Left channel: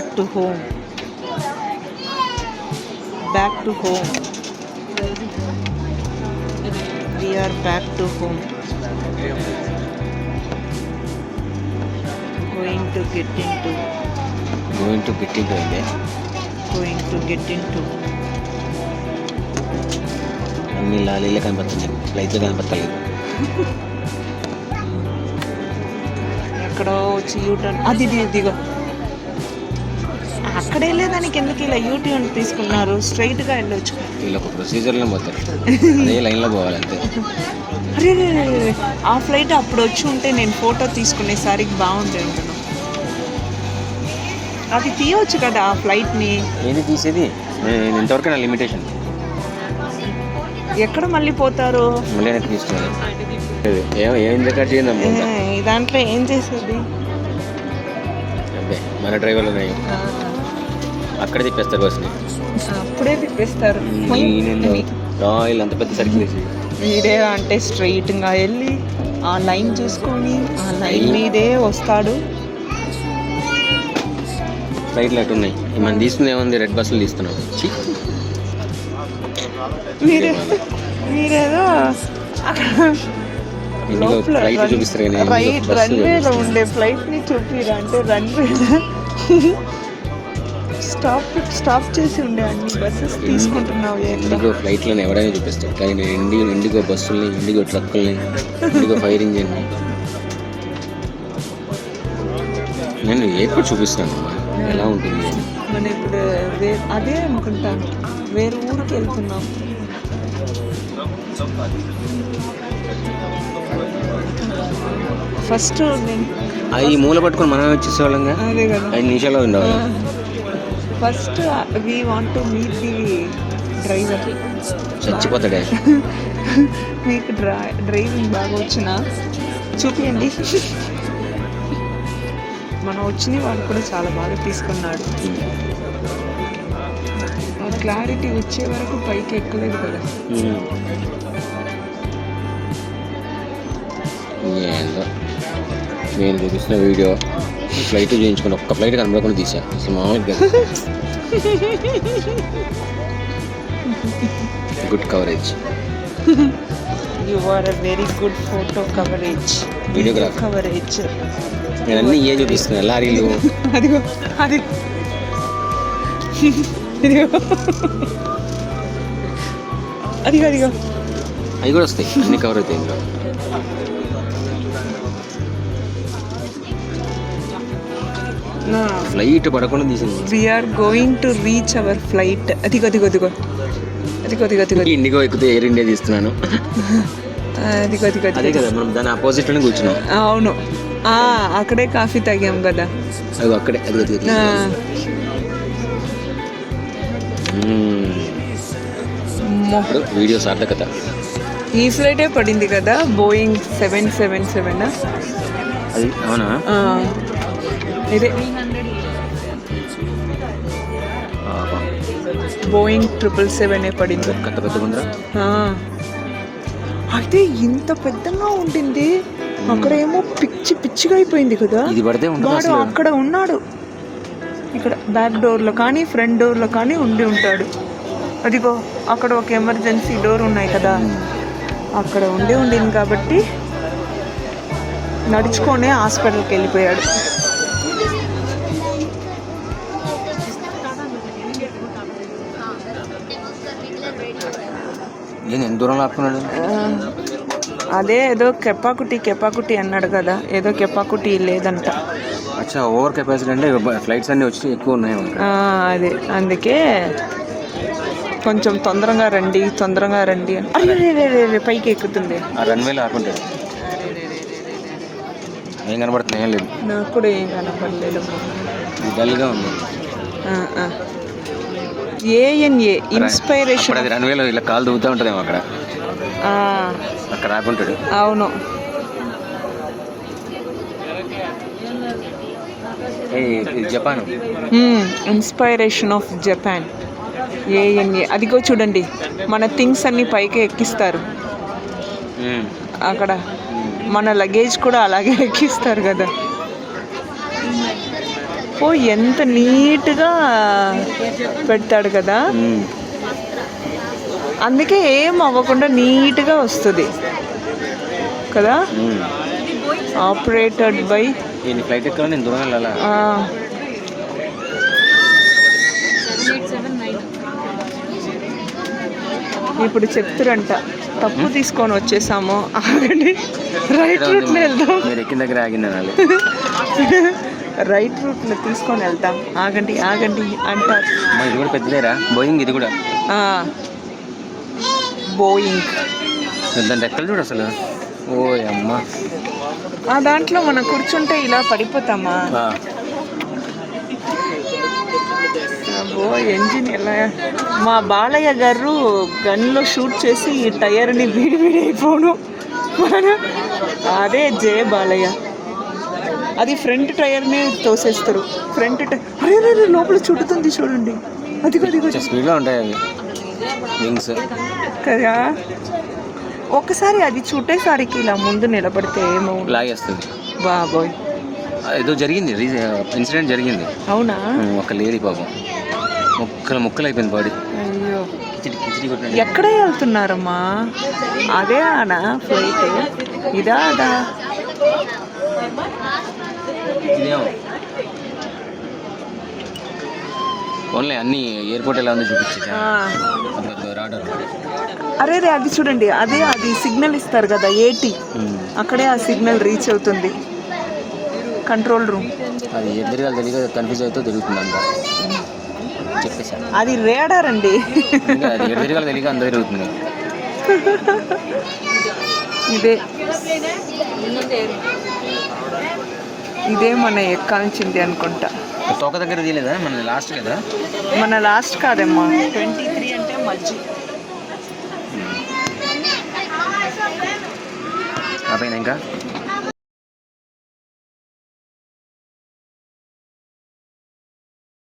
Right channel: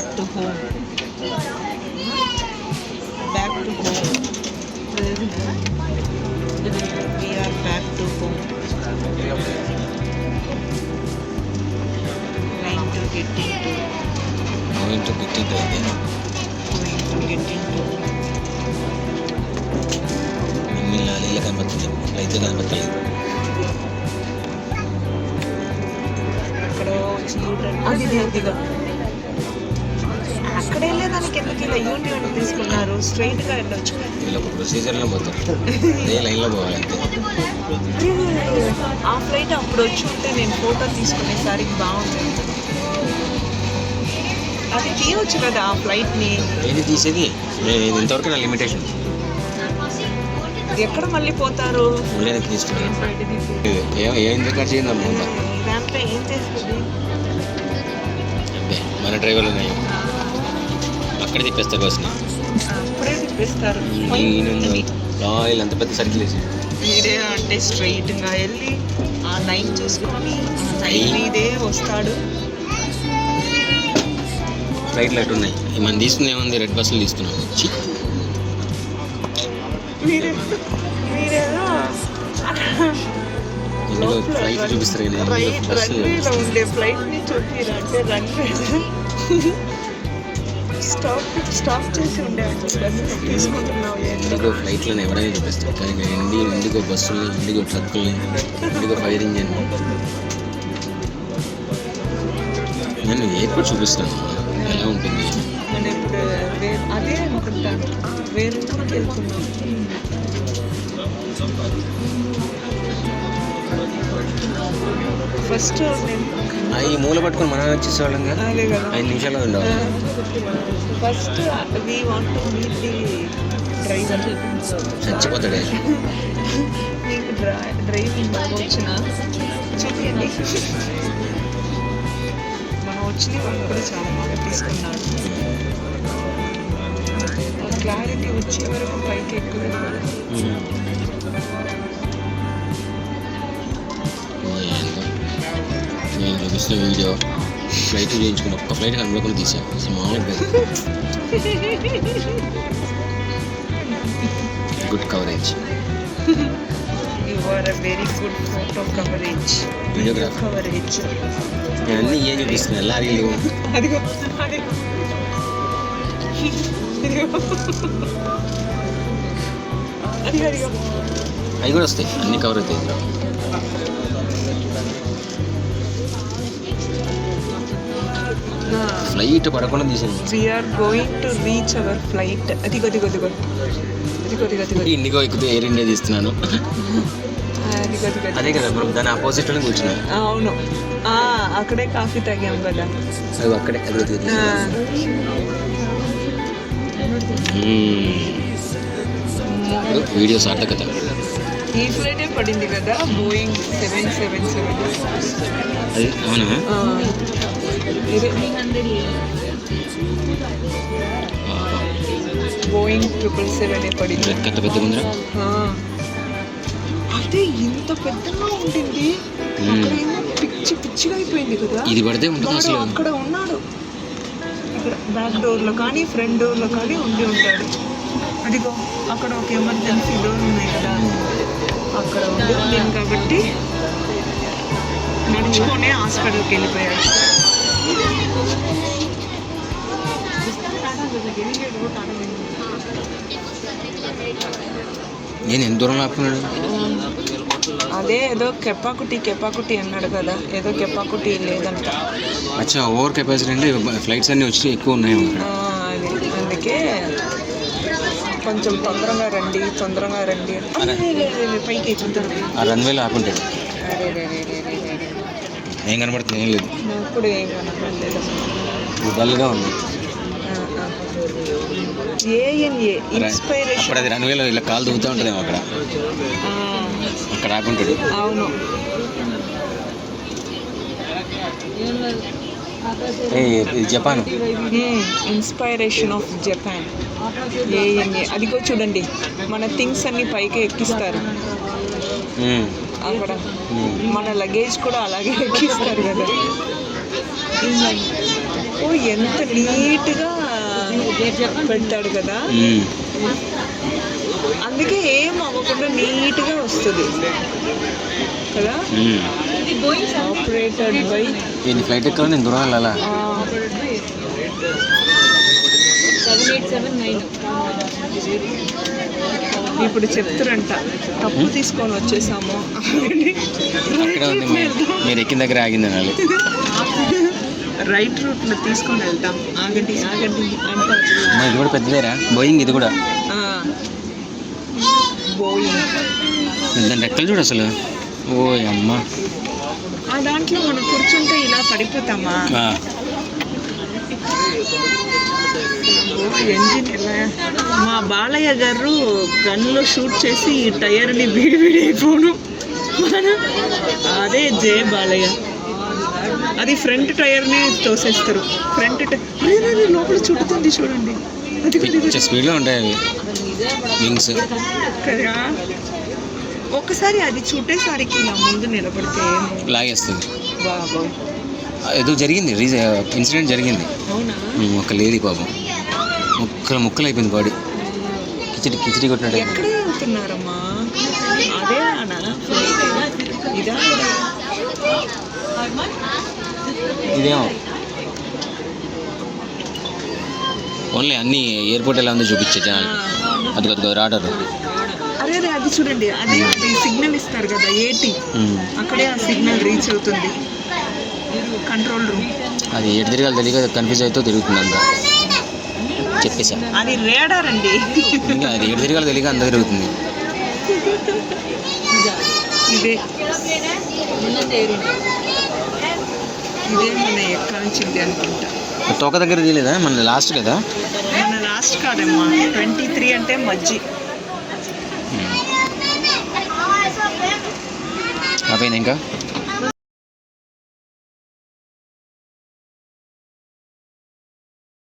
back to home. Back to home. We are back to home. Going to get into. Going to get into again. Going to get into. అన్ని లారీలు కనపడుతున్నాయి, flight కనపడలేదు. ఎక్కడో వచ్చి U turn అది ఇదిగా అక్కడే లేదానికి ఎందుకు ఇలా యూటర్న్ తీసుకున్నారు, స్ట్రైట్గా వెళ్ళొచ్చు. వీళ్ళకి ప్రొసీజర్లో పోతారు, అదే లైన్లో పోవాలంతే. అరే ఆ ఫ్లైట్ అప్పుడు వచ్చి ఉంటే నేను ఫోటో తీసుకునేసరికి బాగుండేది. అది తీయవచ్చు కదా ఆ ఫ్లైట్ని. ఏది తీసేది, ఇంతవరకు నా లిమిటేషన్. ఎక్కడ మళ్ళీ పోతారు, మళ్ళీ తీసుకుని ఏం దగ్గర చేయండి అమ్మ. దాంట్లో ఏం చేసేది, అదే మన డ్రైవర్లు ఉన్నాయి, అక్కడే తిప్పేస్తారు బస్ని. అప్పుడే తిప్పేస్తారు. ఆయిల్ అంత పెద్ద సర్కిల్ వేసి మీరే అంటే స్ట్రైట్గా వెళ్ళి ఆ లైన్ చూసుకొని ఆ లైన్ మీదే వస్తాడు. ఫ్లైట్లు అటు ఉన్నాయి, మనం తీసుకుంది ఏముంది, రెడ్ బస్సులు తీసుకున్నాం. మీరేదో ఇందులో ఫ్లైట్ చూపిస్తారు కానీ బస్సు ఉండే ఫ్లైట్ని చూపిరా అంటే రన్వే స్టాప్ చేసి ఉండే అన్ని బస్సెస్ తీసుకుంటున్నావు. ఇండిగో ఫ్లైట్లను ఎవరైనా చూపిస్తారు కానీ నేను ఇండిగో బస్సుల్ని, ఇండిగో ట్రక్కుల్ని, ఇండిగో ఫైర్ ఇంజిన్ నేను ఎప్పుడు చూపిస్తాను ఎలా ఉంటుంది. మనం ఇప్పుడు అదే అనుకుంటాను, వేరే ఊరికి వెళ్తున్నాం. ఫస్ట్ ఈ మూల పట్టుకొని మనం వచ్చేసేవాళ్ళంగా 5 నిమిషాలు ఉండవు. First we want to meet the driver. చచ్చిపోతాడు. మీకు డ్రైవింగ్ బాగా వచ్చిన చూపించండి. మనం వచ్చింది వాళ్ళు కూడా చాలా బాగా తీసుకున్నాడు. క్లారిటీ వచ్చి పైకి ఎక్కువ నేను చూపిస్తున్న వీడియో ఫ్లైట్ చేయించుకుని ఒక్క ఫ్లైట్ కనబడకుండా తీసాను. మామూలుగా good coverage. You are a very good photo coverage, videographer coverage. నేను అన్నీ ఏం చూపిస్తున్నాను, లారీలు అదిగో అది అదిగో అదిగో అవి కూడా వస్తాయి, అన్నీ కవర్ అవుతాయి. ఫ్లైట్ పడకుండా తీసింది. We are going to reach our flight. అదిగో అదిగో అదిగో అదిగో అదిగో అదిగో ఇండిగో ఎక్కితే ఎయిర్ ఇండియా తీస్తున్నాను. అదిగో అదిగో అదే కదా మనం దాని ఆపోజిట్లోనే కూర్చున్నాం. అవును, అక్కడే కాఫీ తాగాం కదా. అది అక్కడే అదే ఇప్పుడు వీడియో సార్థకత. ఈ ఫ్లైటే పడింది కదా, బోయింగ్ 777. అది అవునా? బోయింగ్ 777 పడింది. కథ పెద్ద ముందర అయితే ఇంత పెద్దగా ఉంటుంది, అక్కడేమో పిచ్చి పిచ్చిగా అయిపోయింది కదా. ఇది పడితే ఉంటుంది అసలు. అక్కడ ఉన్నాడు, అక్కడ బ్యాక్ డోర్లో కానీ ఫ్రంట్ డోర్లో కానీ ఉండి ఉంటాడు. అదిగో అక్కడ ఒక ఎమర్జెన్సీ డోర్ ఉన్నాయి కదా, అక్కడ ఉండింది కాబట్టి నడుచుకొనే హాస్పిటల్కి వెళ్ళిపోయాడు. నేను ఎంత దూరంలో ఆపుకున్నాడు. అదే ఏదో కెపాకుటి అన్నాడు కదా, ఏదో కెపాకుటి లేదంట. అచ్చా, ఓవర్ కెపాసిటీ అంటే ఫ్లైట్స్ అన్నీ వచ్చి ఎక్కువ ఉన్నాయి ఇక్కడ. అదే అందుకే కొంచెం తొందరగా రండి పైకి ఎక్కుతుంది. ఆ రన్వేలో ఆపుంటాడు. ఏం కనబడుతుంది? ఏం లేదు, నాకు కూడా ఏం కనపడలేదు. డల్గా ఉంది. ANA inspiration. అది రన్వేలో ఇలా కాలు దూగుతూ ఉంటుందేమో అక్కడ, అక్కడ ఆపుంటాడు. అవును, Japan inspiration of Japan. ANA అదిగో చూడండి, మన థింగ్స్ అన్ని పైకి ఎక్కిస్తారు అక్కడ. మన లగేజ్ కూడా అలాగే ఎక్కిస్తారు కదా. ఓ ఎంత నీట్గా పెడతాడు కదా, అందుకే ఏం అవ్వకుండా నీట్గా వస్తుంది కదా. ఆపరేటెడ్ బై నేను ఫ్లైట్ ఎక్కాలి, నేను దూరం వెళ్ళాలా. ఇప్పుడు చెప్తారంట తప్పు తీసుకొని వచ్చేసాము, ఆగండి రైట్ అక్కడే ఉంది, రూట్లో వెళ్దాం, మీరు ఎక్కిన దగ్గర ఆగింది అనాలి. రైట్ రూట్లో తీసుకొని వెళ్తాం, ఆగండి ఆగండి అంటారు. అమ్మా ఇది కూడా పెద్దదేరా, బోయింగ్ ఇది కూడా. బోయింగ్ దాని రెక్కలు చూడు అసలు. ఓ అమ్మ, ఆ దాంట్లో మనం కూర్చుంటే ఇలా పడిపోతామా. ఓ ఎంజిన్ ఎలా, మా బాలయ్య గారు గన్లో షూట్ చేసి ఈ టైర్ని విడి అయిపోను, అదే జే బాలయ్య. అది ఫ్రంట్ టైర్నే తోసేస్తారు, ఫ్రంట్ టైర్ లోపల చుట్టుతుంది చూడండి, అది స్పీడ్లో ఉంటాయి అవి వింగ్స్ కదా. ఒక్కసారి అది చుట్టేసరికి ఇలా ముందు నిలబడితే ఏమో లాగేస్తుంది. బాబోయ్, ఏదో జరిగింది, ఇన్సిడెంట్ జరిగింది. అవునా, ఒక లేడీ పాపం ముక్కలు అయిపోయింది బాడీ, కిచిడి కొట్టినట్టు. ఎక్కడ వెళ్తున్నారమ్మా, అదే అనా ఇదా అదా, ఇదేమో ఓన్లీ అన్ని ఎయిర్పోర్ట్ ఎలా ఉందో చూపించే అది రాడర్. అరే రే అది చూడండి, అదే అది సిగ్నల్ ఇస్తారు కదా 80, అక్కడే ఆ సిగ్నల్ రీచ్ అవుతుంది కంట్రోల్ రూమ్. అది ఎటు తిరగాలి తెలియక కన్ఫ్యూజ్ అవుతూ తిరుగుతుంది అంతా, చెప్పేసా. అది రేడార్ అండి, అది ఎటు తిరగాలి తెలియక అంతా తిరుగుతుంది. ఇదే మన ఎక్కాల్సింది అనుకుంటా. తోక దగ్గర తీయలేదా, మన లాస్ట్ కదా. మన లాస్ట్ కాదమ్మా, 23 అంటే మజ్జి. ఆ పైన ఇంకా